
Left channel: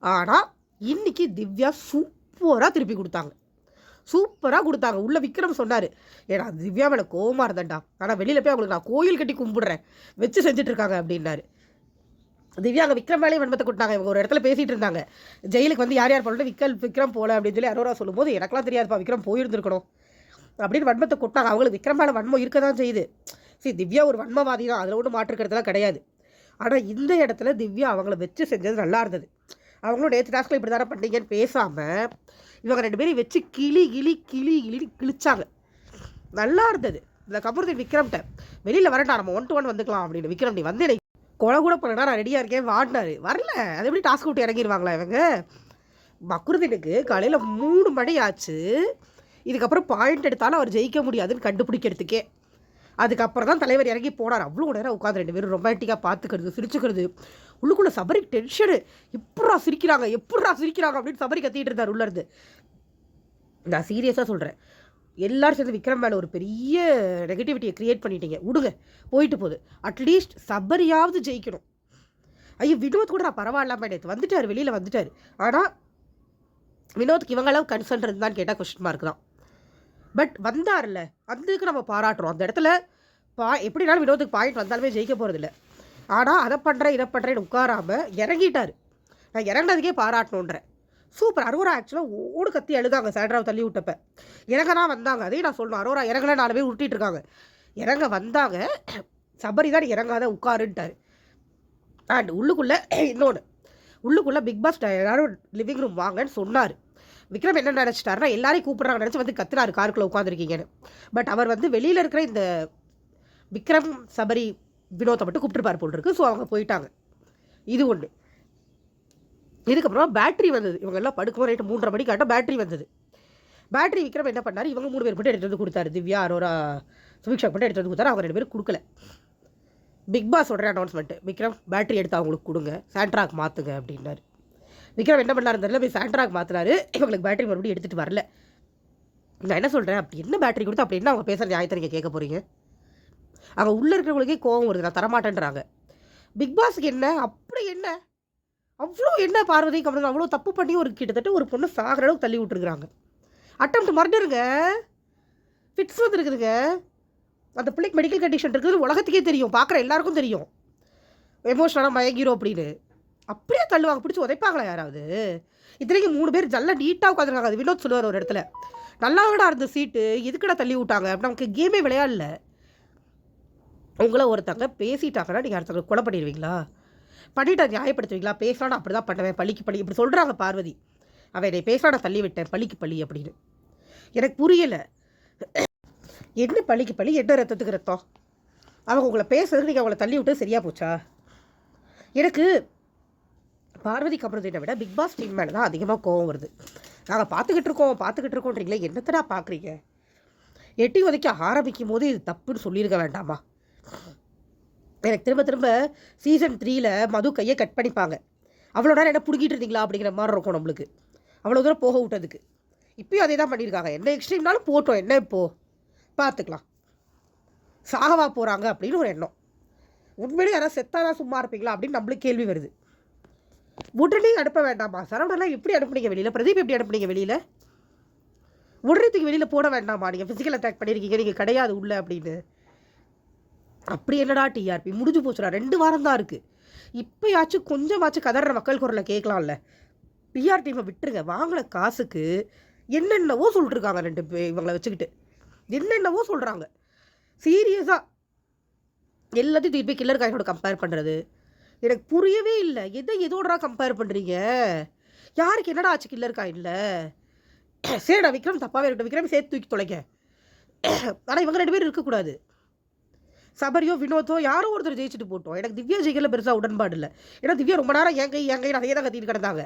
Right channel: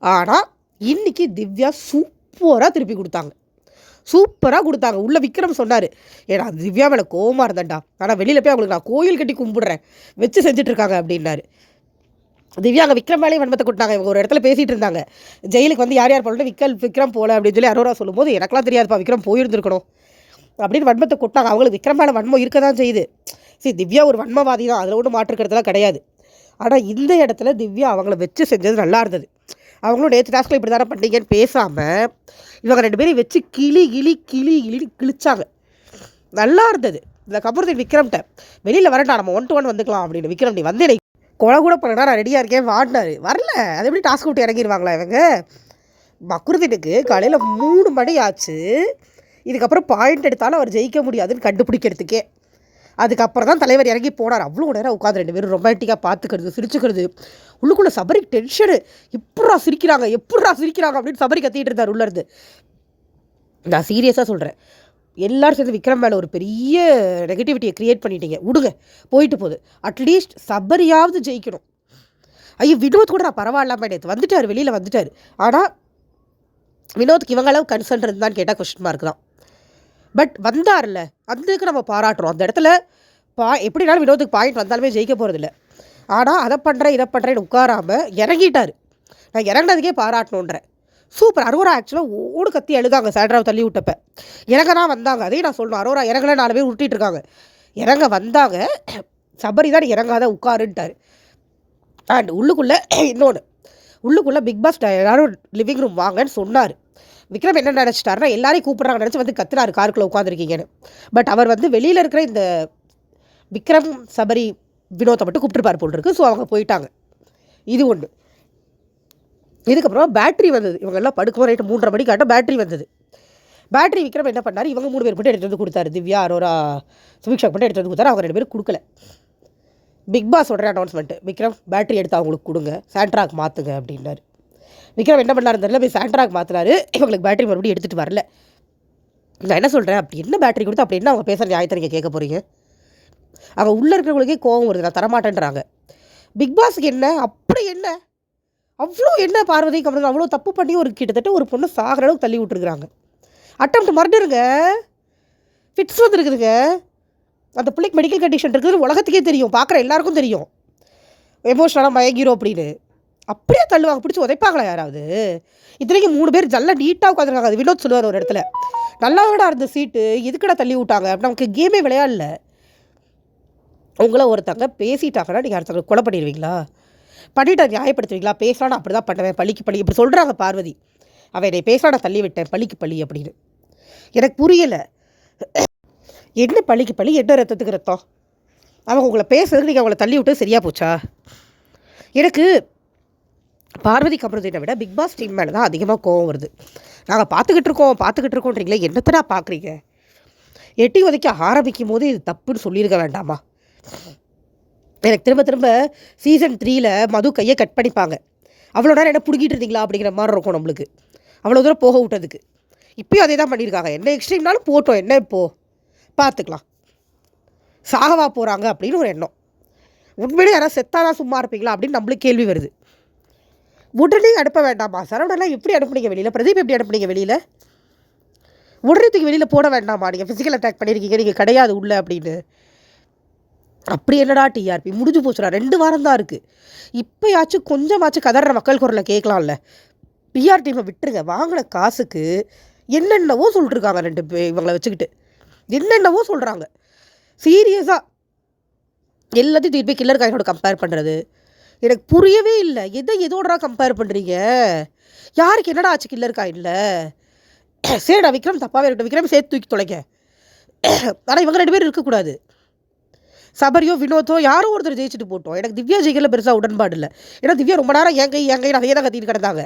ஆனால் இன்றைக்கி திவ்யா சூப்பராக திருப்பி கொடுத்தாங்க. சூப்பராக கொடுத்தாங்க. உள்ளே விக்ரம் சொன்னார் ஏன்னா திவ்யா மேலே கோவமாக இருந்தேன்டா. ஆனால் வெளியில் போய் அவங்களுக்கு நான் கோயில் கட்டி கும்பிடுறேன். வச்சு செஞ்சுட்ருக்காங்க அப்படின்னாரு. திவ்யா அங்கே விக்ரம் மேலேயே வன்மத்தை கொடுத்தாங்க இவங்க ஒரு இடத்துல பேசிகிட்டு இருந்தாங்க. ஜெயிலுக்கு வந்து யார் யார் போகல விக்கல் விக்ரம் போகல அப்படின்னு சொல்லி அரோரா சொல்லும்போது எனக்குலாம் தெரியாதுப்பா விக்ரம் போயிருந்துருக்கணும். அப்படின்னு வன்மத்தை கொட்டாங்க அவங்களுக்கு விக்ரம் மேலே வன்மம் இருக்க தான் செய்யுது. சரி திவ்யா ஒரு வன்மவாதி தான். அதில் ஒன்றும் மாற்றுக்கிறதுலாம் கிடையாது. ஆனால் இந்த இடத்துல திவ்யா அவங்கள வச்சு செஞ்சது நல்லா இருந்தது. அவங்களும் நேற்று டாஸ்கில் இப்படி தானே பண்ணீங்கன்னு பேசாமல் இவங்க ரெண்டு பேரும் வச்சு கிளி கிளி கிளி கிளி கிழிச்சாங்க. நல்லா இருந்தது. இந்த கபூர்தீன் விக்ரம்கிட்ட வெளியில் வரட்டா நம்ம ஒன் டு ஒன் வந்துக்கலாம் அப்படின்னு விக்ரம் நீ வந்து கொலை கூட பண்ணடா நான் ரெடியாக இருக்கேன் வாடினாரு வரல. அது எப்படி டாஸ்க் விட்டு இறங்கிடுவாங்களா இவங்க? பக்ருதீனுக்கு காலையில் மூணு மணி ஆச்சு. இதுக்கப்புறம் பாயிண்ட் எடுத்தாலும் அவர் ஜெயிக்க முடியாதுன்னு கண்டுபிடிக்கிறதுக்கே. அதுக்கப்புறம் தான் தலைவர் இறங்கி போனார். அவ்வளோ நேரம் உட்காந்து ரெண்டு பேரும் ரொமான்டிக்காக பார்த்துக்கிறது சிரிச்சுக்கிறது. உள்ளுக்குள்ளே சபரி டென்ஷனு எப்படா சிரிக்கிறாங்க எப்படா சிரிக்கிறாங்க அப்படின்னு சபரி கத்திட்டு இருந்தார் உள்ளேருந்து. நான் சீரியஸாக சொல்கிறேன் எல்லாரும் சேர்ந்து விக்ரம் மேலே ஒரு பெரிய நெகட்டிவிட்டியை க்ரியேட் பண்ணிட்டீங்க. விடுங்க போயிட்டு போகுது. அட்லீஸ்ட் சபரியாவது ஜெயிக்கணும். ஐயோ வினோத் கூட நான் பரவாயில்லாம நேற்று வந்துட்டார் வெளியில் வந்துட்டார். ஆனால் வினோத்துக்கு இவங்க அளவு கன்சர்ன் இருந்தான்னு கேட்டால் கொஸ்டின் மார்க் தான். பட் வந்தார்ல அதுக்கு நம்ம பாராட்டுறோம். அந்த இடத்துல பா எப்படினாலும் வினோத்துக்கு பாயிண்ட் வந்தாலுமே ஜெயிக்க போகிறதில்ல ஆனால் அதை பண்ணுறேன் இதை பண்ணுறேன்னு உட்காராமல் இறங்கிட்டார். நான் இறங்கினதுக்கே பாராட்டணுன்றேன். சூப்பர். அரோரா ஆக்சுவலாக ஓடு கத்தி எழுதாங்க சாண்ட்ராவை தள்ளி விட்டப்ப. இறங்க வந்தாங்க. அதையும் நான் சொல்லணும். அரோரா இறங்கல நாலு பேர் விட்டுட்டு இருக்காங்க. இறங்க வந்தாங்க. சபரி தான் இறங்காத உட்காருன்ட்டார். அண்ட் உள்ளுக்குள்ளே இன்னொன்று உள்ளுக்குள்ளே பிக் பாஸ் எல்லாரும் லிவிங் ரூம் வாங்கன்னு சொன்னார். விக்ரம் என்ன நினச்சிட்டாருன்னா எல்லாரையும் கூப்பிட்றாங்க நினச்சி வந்து கத்துறாரு காருக்குள்ளே உட்காந்துருக்கீங்கன்னு பட் அவர் வந்து வெளியில் இருக்கிற இந்த விக்ரம் சபரி வினோத்தை மட்டும் கூப்பிட்டுருப்பார் போல் இருக்கு. ஸோ அவங்க போயிட்டாங்க. இது ஒன்று இதுக்கப்புறம் பேட்டரி வந்தது. இவங்க எல்லாம் படுக்கும் ரைட்டு மூன்றரை மணிக்கு ஆட்டம் பேட்ரி வந்தது. பேட்ரி விக்ரம் என்ன பண்ணார்? இவங்க மூணு பேர் மட்டும் எடுத்து வந்து கொடுத்தாரு. திவ்யா அரோரா சுபிக்ஷா மட்டும் எடுத்து வந்து கொடுத்தாரு. அவங்க ரெண்டு பேரும் கொடுக்கல. பிக் பாஸ் சொல்கிற அனௌன்ஸ்மெண்ட்டு விக்ரம் பேட்ரி எடுத்து அவங்களுக்கு கொடுங்க. சாண்ட்ராக் மாற்றுங்க அப்படின்னாரு. விக்ரம் என்ன பண்ணாரு தெரியல போய் சாண்ட்ராக் மாற்றினாரு இவங்களுக்கு பேட்டரி மறுபடியும் எடுத்துகிட்டு வரல. நான் என்ன சொல்கிறேன் அப்படி என்ன பேட்டரி கொடுத்து அப்படி என்ன அவங்க பேசுகிற நியாயத்தை நீங்கள் கேட்க போகிறீங்க அங்கே உள்ளே இருக்கிறவங்களுக்கே கோவம் வருது. நான் தரமாட்டேன்றாங்க. பிக் பாஸுக்கு என்ன? அப்படி என்ன? அவ்வளோ என்ன பார்வதி? கமலம் அவ்வளோ தப்பு பண்ணி ஒரு கிட்டத்தட்ட ஒரு பொண்ணு சாகிற அளவுக்கு தள்ளி விட்டுருக்குறாங்க. அட்டம் மர்டருங்க ஃபிட்ஸ் வந்துருக்குதுங்க. அந்த பிள்ளைக்கு மெடிக்கல் கண்டிஷன் இருக்குது. உலகத்துக்கே தெரியும். பார்க்குற எல்லாருக்கும் தெரியும். எமோஷனலாக மயங்கிரும் அப்படின்னு. அப்படியே தள்ளுவாங்க பிடிச்சி உதைப்பாங்களா யாராவது? இத்தனைக்கு மூணு பேர் ஜல்ல நீட்டாக உட்காந்துருக்காங்க அது வினோத் சொல்லுவார் ஒரு இடத்துல. நல்லாவோட இருந்த சீட்டு எதுக்கடா தள்ளி விட்டாங்க? நமக்கு கேமே விளையாடல. உங்கள ஒருத்தங்க பேசிட்டாங்கன்னா நீங்கள் அடுத்தவங்க கொலை பண்ணிடுவீங்களா? பண்ணிட்டு நியாயப்படுத்துவீங்களா? பேசலாம் அப்படி தான் பண்ணுவேன். பள்ளிக்கு பள்ளி இப்படி சொல்கிறாங்க பார்வதி. அவன் என்னை பேசலாம் நான் தள்ளி விட்டேன். பள்ளிக்கு பள்ளி அப்படின்னு. எனக்கு புரியலை. என்ன பள்ளிக்கு பள்ளி என்ன ரத்தத்துக்கு ரத்தம்? அவங்க உங்களை பேசுறதுக்கு நீங்கள் அவங்கள தள்ளி விட்டு சரியாக போச்சா? எனக்கு பார்வதி கமருதீனை விட பிக் பாஸ் டீம் மேலே தான் அதிகமாக கோவம் வருது. நாங்கள் பார்த்துக்கிட்டு இருக்கோம் பார்த்துக்கிட்டு இருக்கோன்றீங்களே என்னத்தடா பார்க்குறீங்க? எட்டி உதைக்க ஆரம்பிக்கும் போது இது தப்புன்னு சொல்லியிருக்க வேண்டாமா? எனக்கு திரும்ப திரும்ப சீசன் த்ரீயில் மது கையை கட் பண்ணிப்பாங்க. அவ்வளோ நேரம் என்ன பிடிக்கிட்டு இருந்தீங்களா அப்படிங்கிற மாதிரி இருக்கும் நம்மளுக்கு. அவ்வளோ தூரம் போக விட்டதுக்கு. இப்பயும் அதே தான் பண்ணியிருக்காங்க. என்ன எக்ஸ்ட்ரீம்னாலும் போட்டோம். என்ன இப்போது பார்த்துக்கலாம். சாகவா போகிறாங்க அப்படின்னு ஒரு எண்ணம். உண்மையிலே யாராவது செத்தாதான் சும்மா இருப்பீங்களா அப்படின்னு நம்மளுக்கு கேள்வி வருது. உடனே அனுப்ப வேண்டாமா? சரவணெல்லாம் எப்படி அனுப்புனீங்க வெளியில்? பிரதீப் எப்படி அனுப்புனீங்க வெளியில்? உடனே வெளியில் போட வேண்டாமா? நீங்கள் ஃபிசிக்கல் அட்டாக் பண்ணியிருக்கீங்க நீங்கள் கிடையாது உள்ள அப்படின்னு. அப்படி என்னடா டிஆர்பி முடிஞ்சு போச்சுடா. ரெண்டு வாரம் தான் இருக்குது இப்போயாச்சும் கொஞ்சமாச்சும் கதற மக்கள் குரலை கேட்கலாம்ல பிஆர் டீமை விட்டுருங்க. வாங்கின காசுக்கு என்னென்னவோ சொல்லிட்டுருக்காங்க ரெண்டு இவங்களை வச்சுக்கிட்டு. என்னென்னவோ சொல்கிறாங்க சீரியஸாக எல்லாத்தையும் திருப்பி கில்லர் காயினோட கம்பேர் பண்ணுறது எனக்கு புரியவே இல்லை. எதை எதோடா கம்பேர் பண்ணுறீங்க யாருக்கு என்னடா ஆச்சு கில்லர் இல்லை? சரிடா விக்ரம் தப்பாகவே இருக்கட்டும். விக்ரம் சேர்த்து தூக்கி தொலைங்க. ஆனால் இவங்க ரெண்டு பேரும் இருக்கக்கூடாது. சபரியோ வினோதோ யாரோ ஒருத்தர் ஜெயிச்சுட்டு போட்டோம். எனக்கு திவ்யா ஜெயிக்கல பெருசாக உடன்பாடு இல்லை. ஏன்னா திவ்யா ரொம்ப நேரம் என் கை என் கை அதையே தான் கத்திட்டு கிடந்தாங்க.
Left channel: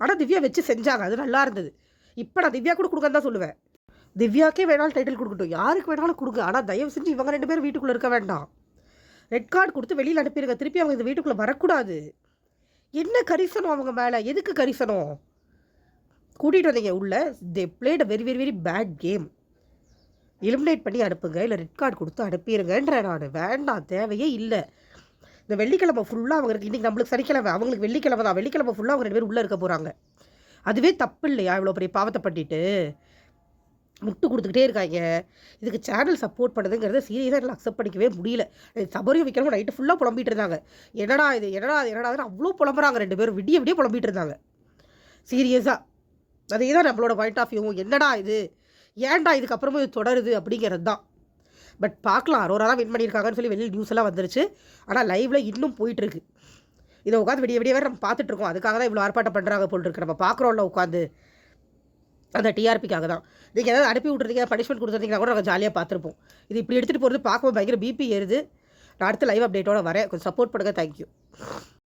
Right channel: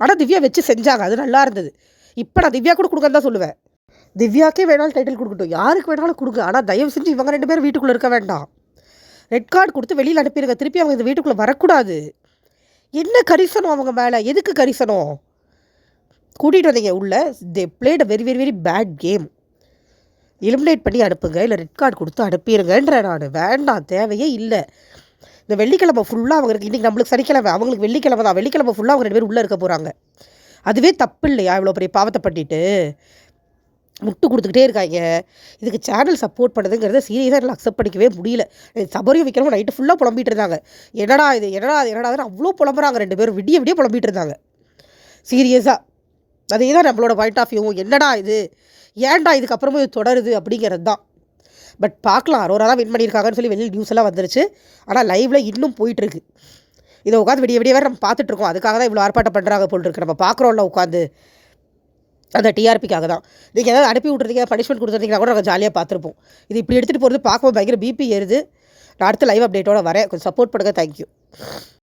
ஆனால் திவ்யா வச்சு செஞ்சாங்க. அது நல்லா இருந்தது. இப்போ நான் திவ்யா கூட கொடுக்கன்னு தான் சொல்லுவேன். திவ்யாக்கே வேணாலும் டைட்டில் கொடுக்கட்டும். யாருக்கு வேணாலும் கொடுங்க. ஆனால் தயவு செஞ்சு இவங்க ரெண்டு பேரும் வீட்டுக்குள்ளே இருக்க வேண்டாம். ரெட் கார்டு கொடுத்து வெளியில் அனுப்பிடுங்க திருப்பி அவங்க இந்த வீட்டுக்குள்ளே வரக்கூடாது. என்ன கரிசனம் அவங்க மேலே? எதுக்கு கரிசனம்? கூட்டிகிட்டு வந்தீங்க உள்ள. They played a very very very bad game eliminate பண்ணி அனுப்புங்க. இல்லை ரெட் கார்டு கொடுத்து அனுப்பிடுங்கன்ற நான். வேண்டாம். தேவையே இல்லை. இந்த வெள்ளிக்கிழமை ஃபுல்லாக அவங்களுக்கு இன்றைக்கி நம்மளுக்கு சனிக்கிழமை. அவங்களுக்கு வெள்ளிக்கிழமை தான். வெள்ளிக்கிழமை ஃபுல்லாக அவங்க ரெண்டு பேர் உள்ளே இருக்க போகிறாங்க அதுவே தப்பு இல்லையா? இவ்வளோ பெரிய பாவத்தை பண்ணிட்டு. முட்டு கொடுத்துக்கிட்டே இருக்காங்க. இதுக்கு சேனல் சப்போர்ட் பண்ணுதுங்கிறத சீரியஸாக என்னால் அக்செப்ட் பண்ணிக்கவே முடியல. சபரியும் வைக்கிறவங்க நைட்டு ஃபுல்லாக புலம்பிட்டு இருந்தாங்க. என்னடா இது என்னடா இது என்னடா அவ்வளோ புலம்புறாங்க ரெண்டு பேரும். விடிய விடிய புலம்பிட்டு இருந்தாங்க. சீரியஸாக அதே தான் நம்மளோட பாயிண்ட் ஆஃப் வியூ என்னடா இது? ஏன்டா இதுக்கப்புறமும் இது தொடருது அப்படிங்கிறது தான். பட் பார்க்கலாம். அரோரா தான் வின் பண்ணியிருக்காங்கன்னு சொல்லி வெளியில் நியூஸ் எல்லாம் வந்துருச்சு. ஆனால் லைவில் இன்னும் போயிட்டுருக்கு. இதை உட்காந்து விடிய விடிய வேறு நம்ம பார்த்துட்ருக்கோம் அதுக்காக தான் இவ்வளோ ஆர்ப்பாட்டம் பண்ணுறாங்க போல் இருக்கு. நம்ம பார்க்குறோம்ல உட்காந்து அந்த டிஆர்பிக்காக தான். நீங்கள் ஏதாவது அனுப்பி விட்றதுக்கு பனிஷ்மெண்ட் கொடுத்துருந்தீங்கன்னா கூட நாங்கள் ஜாலியாக பார்த்துருப்போம். இது இப்படி எடுத்துகிட்டு போகிறது பார்க்கும்போது பயங்கர பிபி ஏறுது. நான் அடுத்த லைவ் அப்டேட்டோட வரேன். கொஞ்சம் சப்போர்ட் பண்ணுங்கள் தேங்க்யூ